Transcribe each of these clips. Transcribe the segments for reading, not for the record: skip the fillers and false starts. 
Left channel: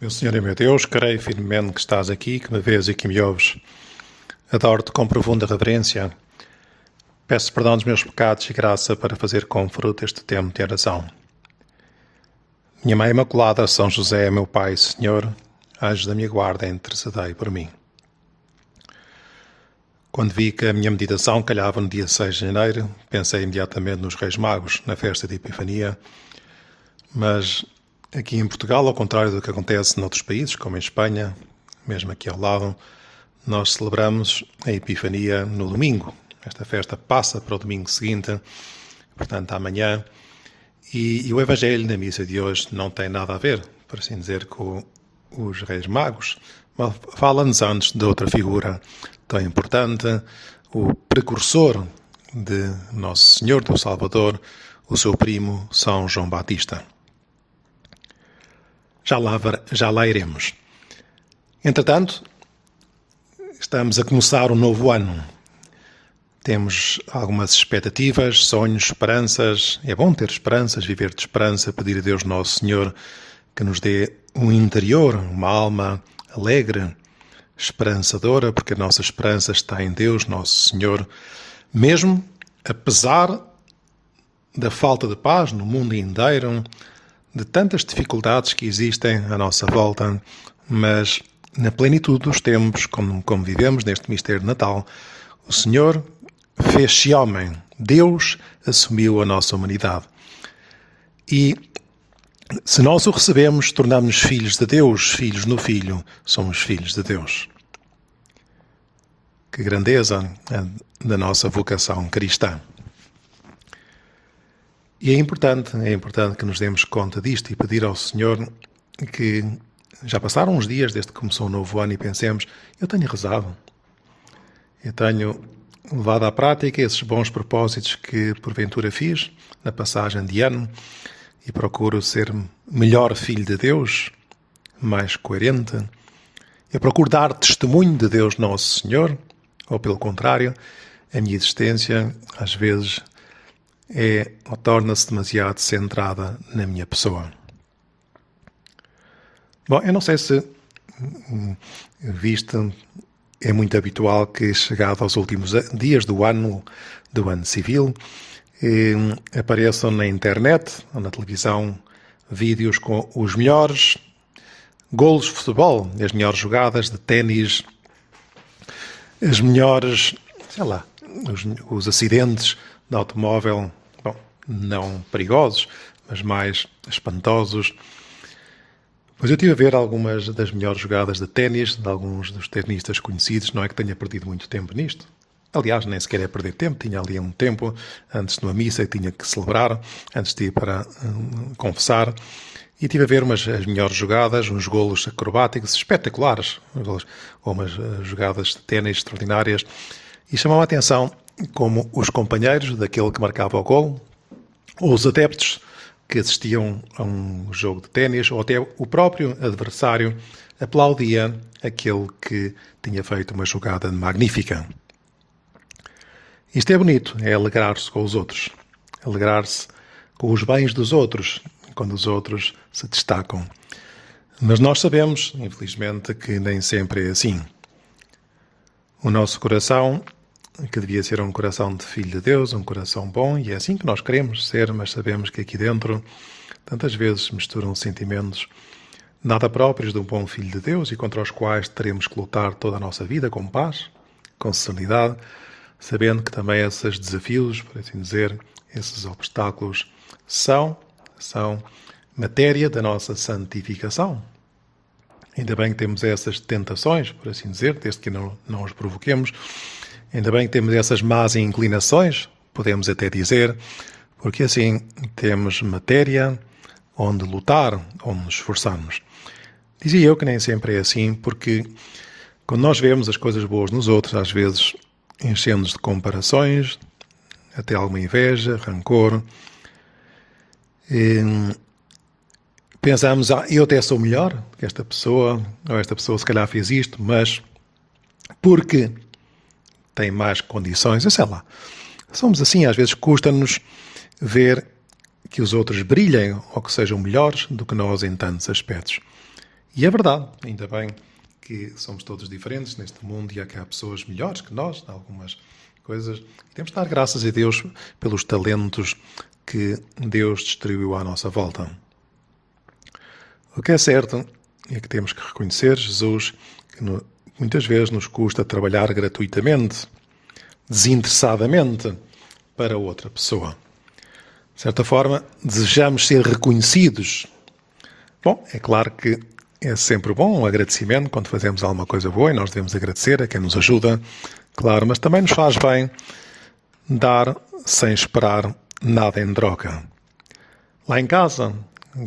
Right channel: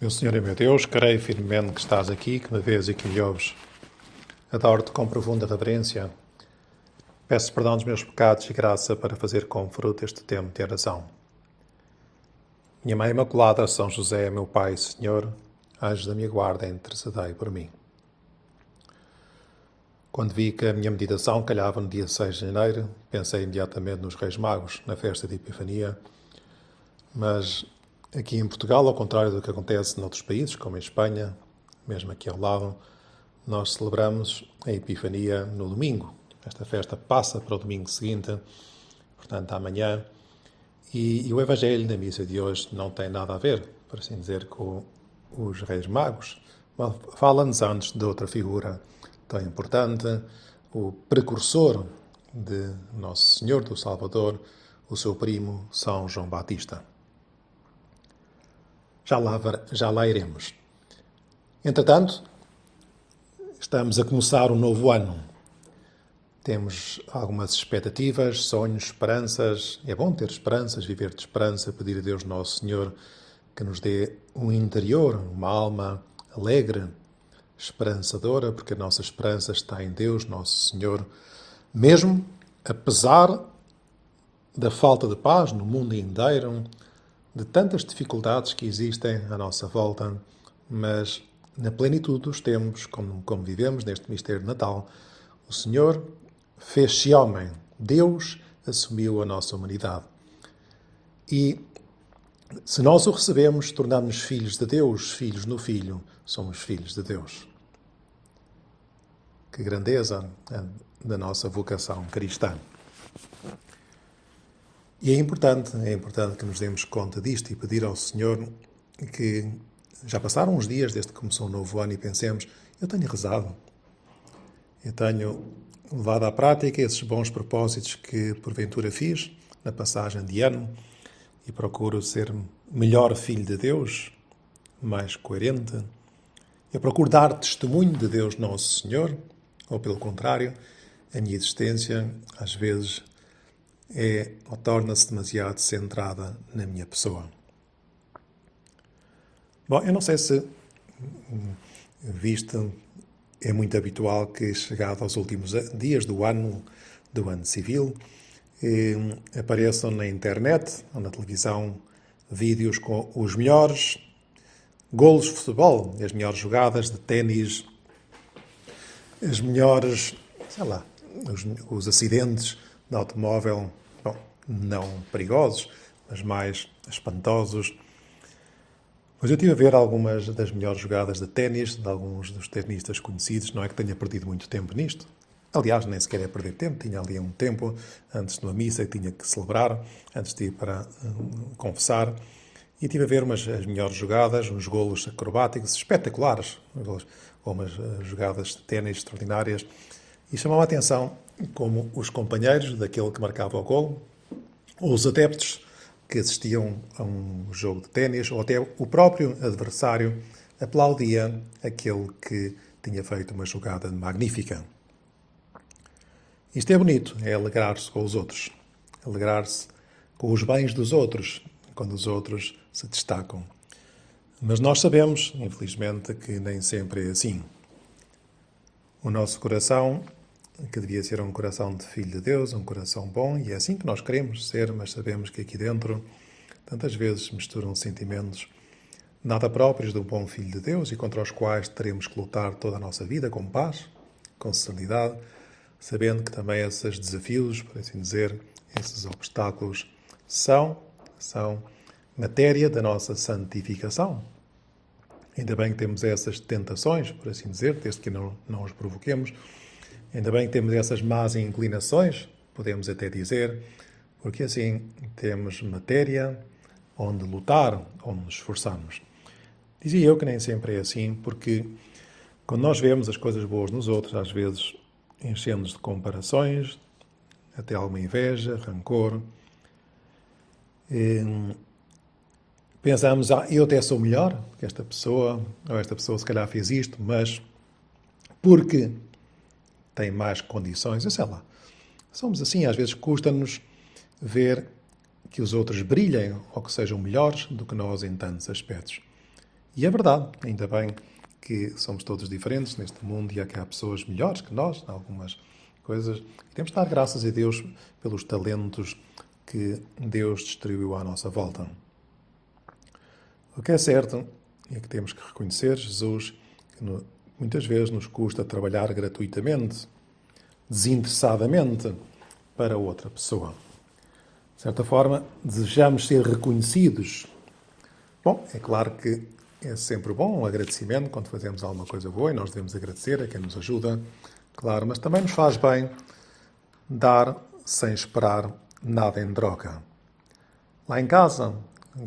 Meu Senhor e meu Deus, creio firmemente que estás aqui, que me vês e que me ouves. Adoro-te com profunda reverência. Peço perdão dos meus pecados e graça para fazer com fruto este tempo de oração. Minha Mãe Imaculada, São José, meu Pai, Senhor, anjos da minha guarda, intercedei por mim. Quando vi que a minha meditação calhava no dia 6 de janeiro, pensei imediatamente nos Reis Magos, na festa de Epifania, mas aqui em Portugal, ao contrário do que acontece noutros países, como em Espanha, mesmo aqui ao lado, nós celebramos a Epifania no domingo. Esta festa passa para o domingo seguinte, portanto amanhã, e o Evangelho na missa de hoje não tem nada a ver, por assim dizer, com os Reis Magos, mas fala-nos antes de outra figura tão importante, o precursor de Nosso Senhor, do Salvador, o seu primo São João Batista. Já lá iremos. Entretanto, estamos a começar um novo ano. Temos algumas expectativas, sonhos, esperanças. É bom ter esperanças, viver de esperança, pedir a Deus Nosso Senhor que nos dê um interior, uma alma alegre, esperançadora, porque a nossa esperança está em Deus Nosso Senhor, mesmo apesar da falta de paz no mundo inteiro, de tantas dificuldades que existem à nossa volta, mas na plenitude dos tempos, como vivemos neste mistério de Natal, o Senhor fez-se homem, Deus assumiu a nossa humanidade. E se nós o recebemos, tornamos-nos filhos de Deus, filhos no Filho, somos filhos de Deus. Que grandeza da nossa vocação cristã. E é importante que nos demos conta disto e pedir ao Senhor que já passaram uns dias desde que começou o novo ano e pensemos, eu tenho rezado, eu tenho levado à prática esses bons propósitos que porventura fiz na passagem de ano e procuro ser melhor filho de Deus, mais coerente. Eu procuro dar testemunho de Deus Nosso Senhor, ou pelo contrário, a minha existência às vezes torna-se demasiado centrada na minha pessoa. Bom, eu não sei se viste, é muito habitual que, chegado aos últimos dias do ano civil, apareçam na internet ou na televisão vídeos com os melhores golos de futebol, as melhores jogadas de ténis, as melhores, os acidentes de automóvel, não perigosos, mas mais espantosos. Mas eu estive a ver algumas das melhores jogadas de ténis de alguns dos tenistas conhecidos. Não é que tenha perdido muito tempo nisto. Aliás, nem sequer é perder tempo. Tinha ali um tempo antes de uma missa que tinha que celebrar, antes de ir para confessar. E estive a ver as melhores jogadas, uns golos acrobáticos espetaculares, ou umas jogadas de ténis extraordinárias. E chamou a atenção como os companheiros daquele que marcava o golo, ou os adeptos que assistiam a um jogo de ténis, ou até o próprio adversário, aplaudia aquele que tinha feito uma jogada magnífica. Isto é bonito, é alegrar-se com os outros, alegrar-se com os bens dos outros, quando os outros se destacam. Mas nós sabemos, infelizmente, que nem sempre é assim. O nosso coração, que devia ser um coração de filho de Deus, um coração bom, e é assim que nós queremos ser, mas sabemos que aqui dentro tantas vezes misturam sentimentos nada próprios de um bom filho de Deus e contra os quais teremos que lutar toda a nossa vida com paz, com serenidade, sabendo que também esses desafios, por assim dizer, esses obstáculos são matéria da nossa santificação. Ainda bem que temos essas tentações, por assim dizer, desde que não os provoquemos. Ainda bem que temos essas más inclinações, podemos até dizer, porque assim temos matéria onde lutar, onde nos esforçarmos. Dizia eu que nem sempre é assim, porque quando nós vemos as coisas boas nos outros, às vezes enchemos de comparações, até alguma inveja, rancor. Pensamos, eu até sou melhor que esta pessoa, ou esta pessoa se calhar fez isto, mas porque tem mais condições, eu sei lá. Somos assim, às vezes custa-nos ver que os outros brilhem ou que sejam melhores do que nós em tantos aspectos. E é verdade, ainda bem que somos todos diferentes neste mundo e há cá pessoas melhores que nós, em algumas coisas. Temos de dar graças a Deus pelos talentos que Deus distribuiu à nossa volta. O que é certo é que temos que reconhecer, Jesus, que muitas vezes nos custa trabalhar gratuitamente, desinteressadamente, para outra pessoa. De certa forma, desejamos ser reconhecidos. Bom, é claro que é sempre bom um agradecimento quando fazemos alguma coisa boa e nós devemos agradecer a quem nos ajuda, claro, mas também nos faz bem dar sem esperar nada em troca. Lá em casa,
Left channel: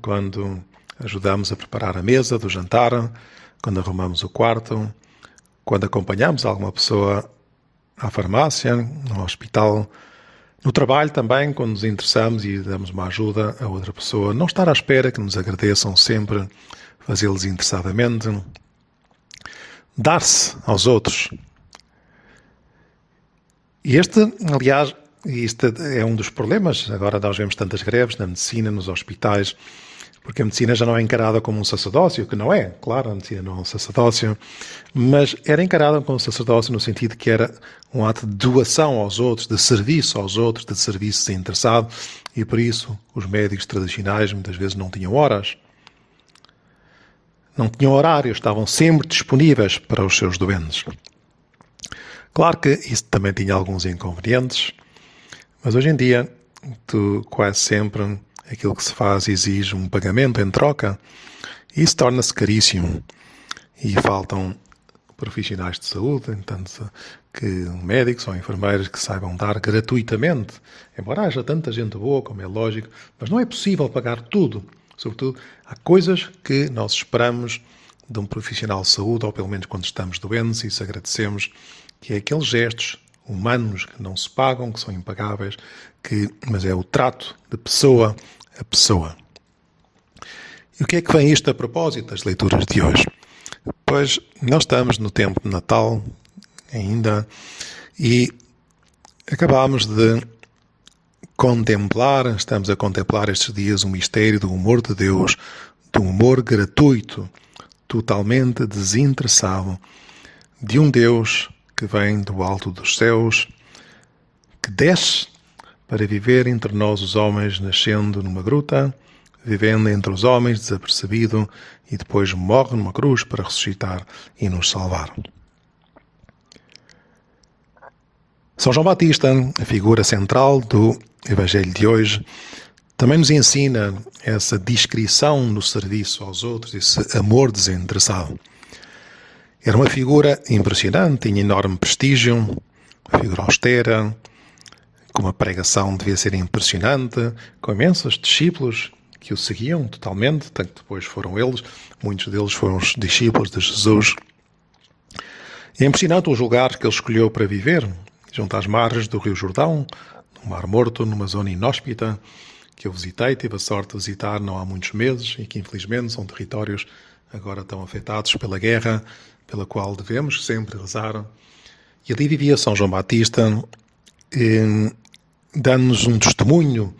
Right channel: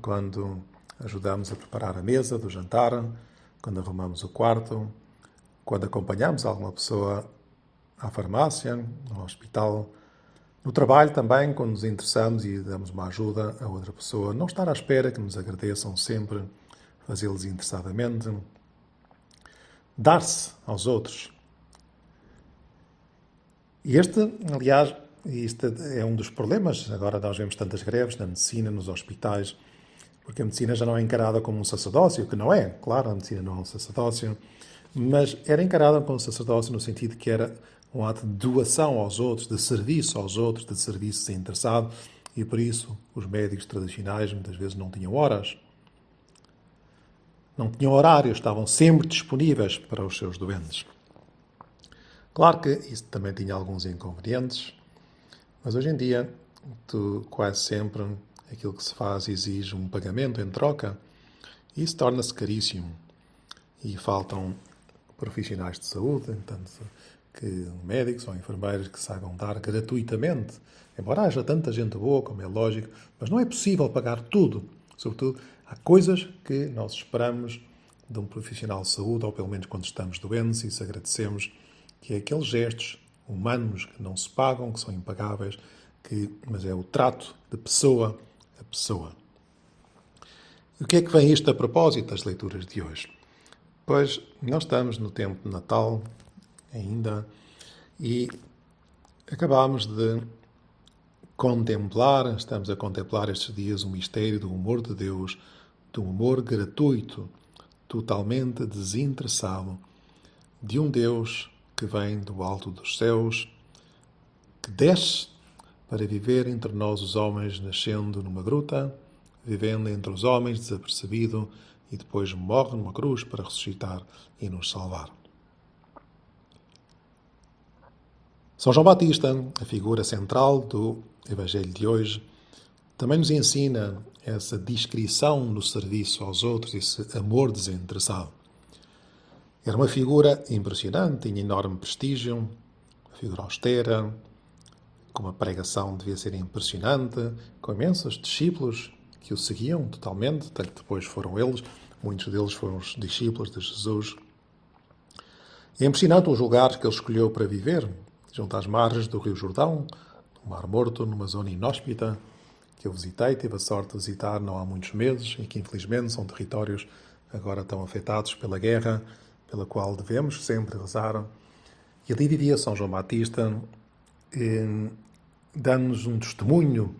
quando ajudamos a preparar a mesa do jantar, quando arrumamos o quarto, quando acompanhamos alguma pessoa à farmácia, no hospital, no trabalho também, quando nos interessamos e damos uma ajuda a outra pessoa, não estar à espera que nos agradeçam sempre, fazê-los interessadamente, dar-se aos outros. E aliás, isto é um dos problemas. Agora nós vemos tantas greves na medicina, nos hospitais, porque a medicina já não é encarada como um sacerdócio, que não é, claro, a medicina não é um sacerdócio, mas era encarada como um sacerdócio no sentido que era um ato de doação aos outros, de serviço aos outros, de serviço desinteressado, e por isso os médicos tradicionais muitas vezes não tinham horas, não tinham horários, estavam sempre disponíveis para os seus doentes. Claro que isso também tinha alguns inconvenientes, mas hoje em dia, quase sempre, aquilo que se faz exige um pagamento em troca e isso torna-se caríssimo. E faltam profissionais de saúde, tanto que médicos ou enfermeiros que saibam dar gratuitamente, embora haja tanta gente boa, como é lógico, mas não é possível pagar tudo. Sobretudo, há coisas que nós esperamos de um profissional de saúde, ou pelo menos quando estamos doentes, e isso agradecemos, que é aqueles gestos humanos que não se pagam, que são impagáveis, mas é o trato de pessoa a pessoa. E o que é que vem isto a propósito das leituras de hoje? Pois nós estamos no tempo de Natal ainda e acabamos de estamos a contemplar estes dias o mistério do amor de Deus, do amor gratuito, totalmente desinteressado, de um Deus que vem do alto dos céus, que desce para viver entre nós os homens, nascendo numa gruta, vivendo entre os homens desapercebido e depois morre numa cruz para ressuscitar e nos salvar. São João Batista, a figura central do Evangelho de hoje, também nos ensina essa discrição no serviço aos outros, esse amor desinteressado. Era uma figura impressionante, tinha enorme prestígio, uma figura austera, com uma pregação devia ser impressionante, com imensos discípulos que o seguiam totalmente, tanto que depois foram eles, muitos deles foram os discípulos de Jesus. É impressionante os lugares que ele escolheu para viver, junto às margens do Rio Jordão, no Mar Morto, numa zona inóspita, que eu visitei, tive a sorte de visitar não há muitos meses, e que infelizmente são territórios agora tão afetados pela guerra, pela qual devemos sempre rezar. E ali vivia São João Batista, dando-nos um testemunho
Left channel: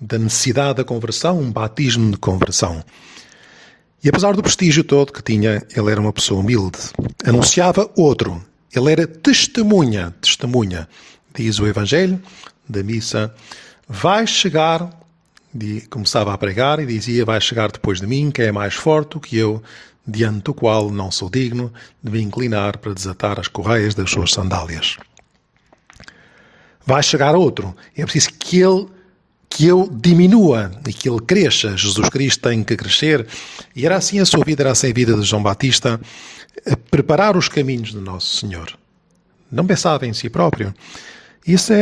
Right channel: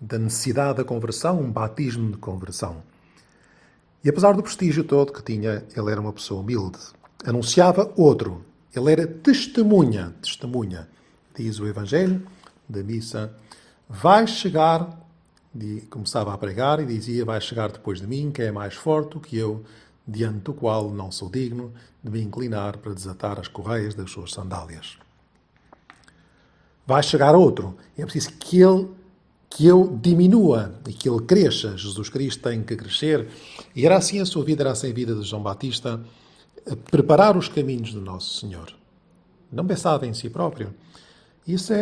da necessidade da conversão, um batismo de conversão. E apesar do prestígio todo que tinha, ele era uma pessoa humilde. Anunciava outro. Ele era testemunha. Diz o Evangelho da missa, vai chegar, começava a pregar e dizia, vai chegar depois de mim, que é mais forte do que eu, diante do qual não sou digno de me inclinar para desatar as correias das suas sandálias. Vai chegar outro. É preciso que eu diminua e que ele cresça. Jesus Cristo tem que crescer. E era assim a sua vida, era assim a vida de João Batista, a preparar os caminhos do nosso Senhor. Não pensava em si próprio. Isso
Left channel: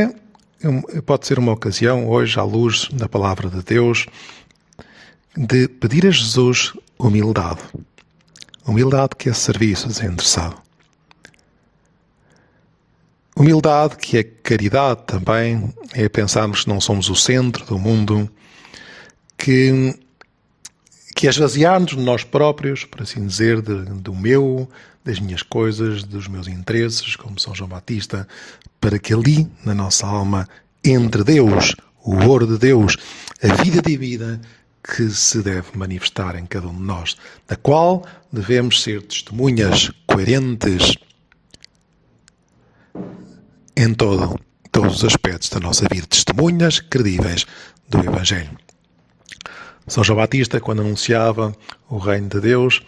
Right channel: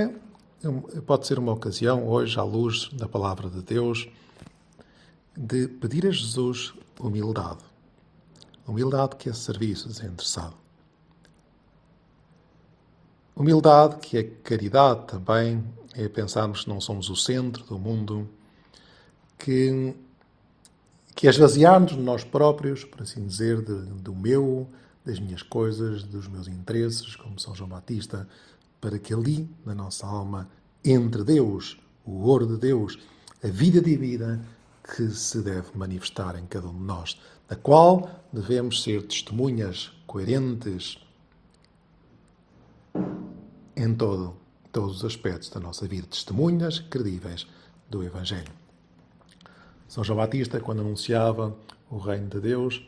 pode ser uma ocasião, hoje, à luz da palavra de Deus, de pedir a Jesus humildade. Humildade que é serviço desinteressado. Humildade que é caridade também, é pensarmos que não somos o centro do mundo, que é esvaziar-nos de nós próprios, por assim dizer, das minhas coisas, dos meus interesses, como São João Batista, para que ali, na nossa alma, entre Deus, o ouro de Deus, a vida divina que se deve manifestar em cada um de nós, da qual devemos ser testemunhas coerentes em todos os aspectos da nossa vida, testemunhas credíveis do Evangelho. São João Batista, quando anunciava o reino de Deus,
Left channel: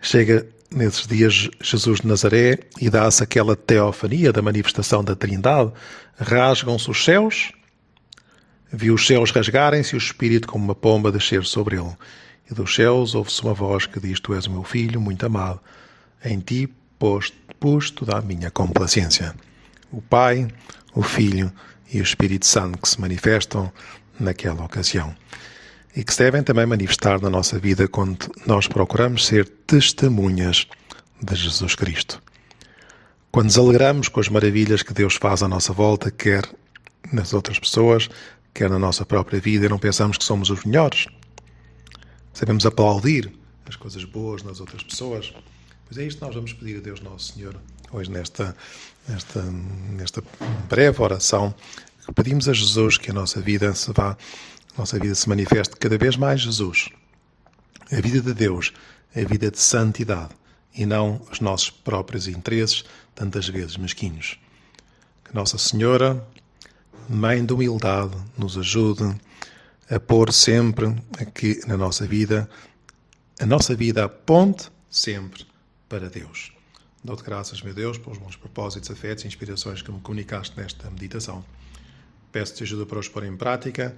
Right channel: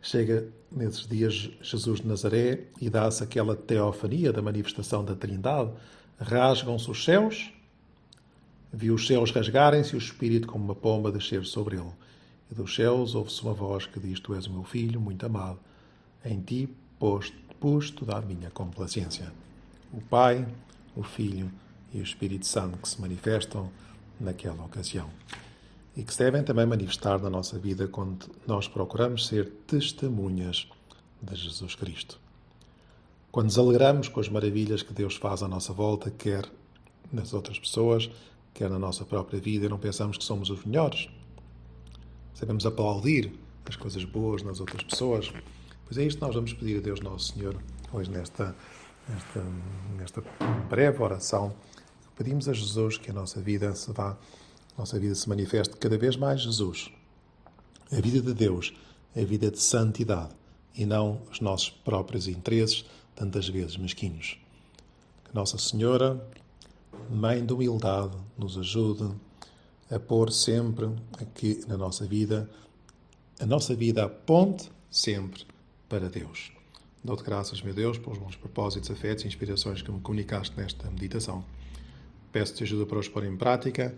chega nesses dias Jesus de Nazaré e dá-se aquela teofania da manifestação da Trindade. Rasgam-se os céus, viu os céus rasgarem-se e o Espírito como uma pomba descer sobre ele. E dos céus ouve-se uma voz que diz: Tu és o meu filho, muito amado, em ti pus toda a minha complacência. O Pai, o Filho e o Espírito Santo que se manifestam naquela ocasião. E que se devem também manifestar na nossa vida quando nós procuramos ser testemunhas de Jesus Cristo. Quando nos alegramos com as maravilhas que Deus faz à nossa volta, quer nas outras pessoas, quer na nossa própria vida, e não pensamos que somos os melhores. Sabemos aplaudir as coisas boas nas outras pessoas. Pois é isto que nós vamos pedir a Deus Nosso Senhor hoje nesta breve oração. Pedimos a Jesus que a nossa vida se manifeste cada vez mais Jesus. A vida de Deus, a vida de santidade e não os nossos próprios interesses, tantas vezes mesquinhos. Que Nossa Senhora, Mãe de humildade, nos ajude a pôr sempre aqui na nossa vida, a nossa vida aponte sempre para Deus. Dou-te graças, meu Deus, pelos bons propósitos, afetos e inspirações que me comunicaste nesta meditação. Peço-te ajuda para os pôr em prática.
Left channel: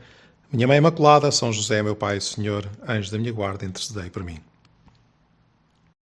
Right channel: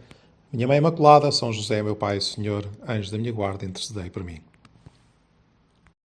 Minha Mãe Imaculada, São José, meu Pai e Senhor, anjo da minha guarda, intercedei por mim.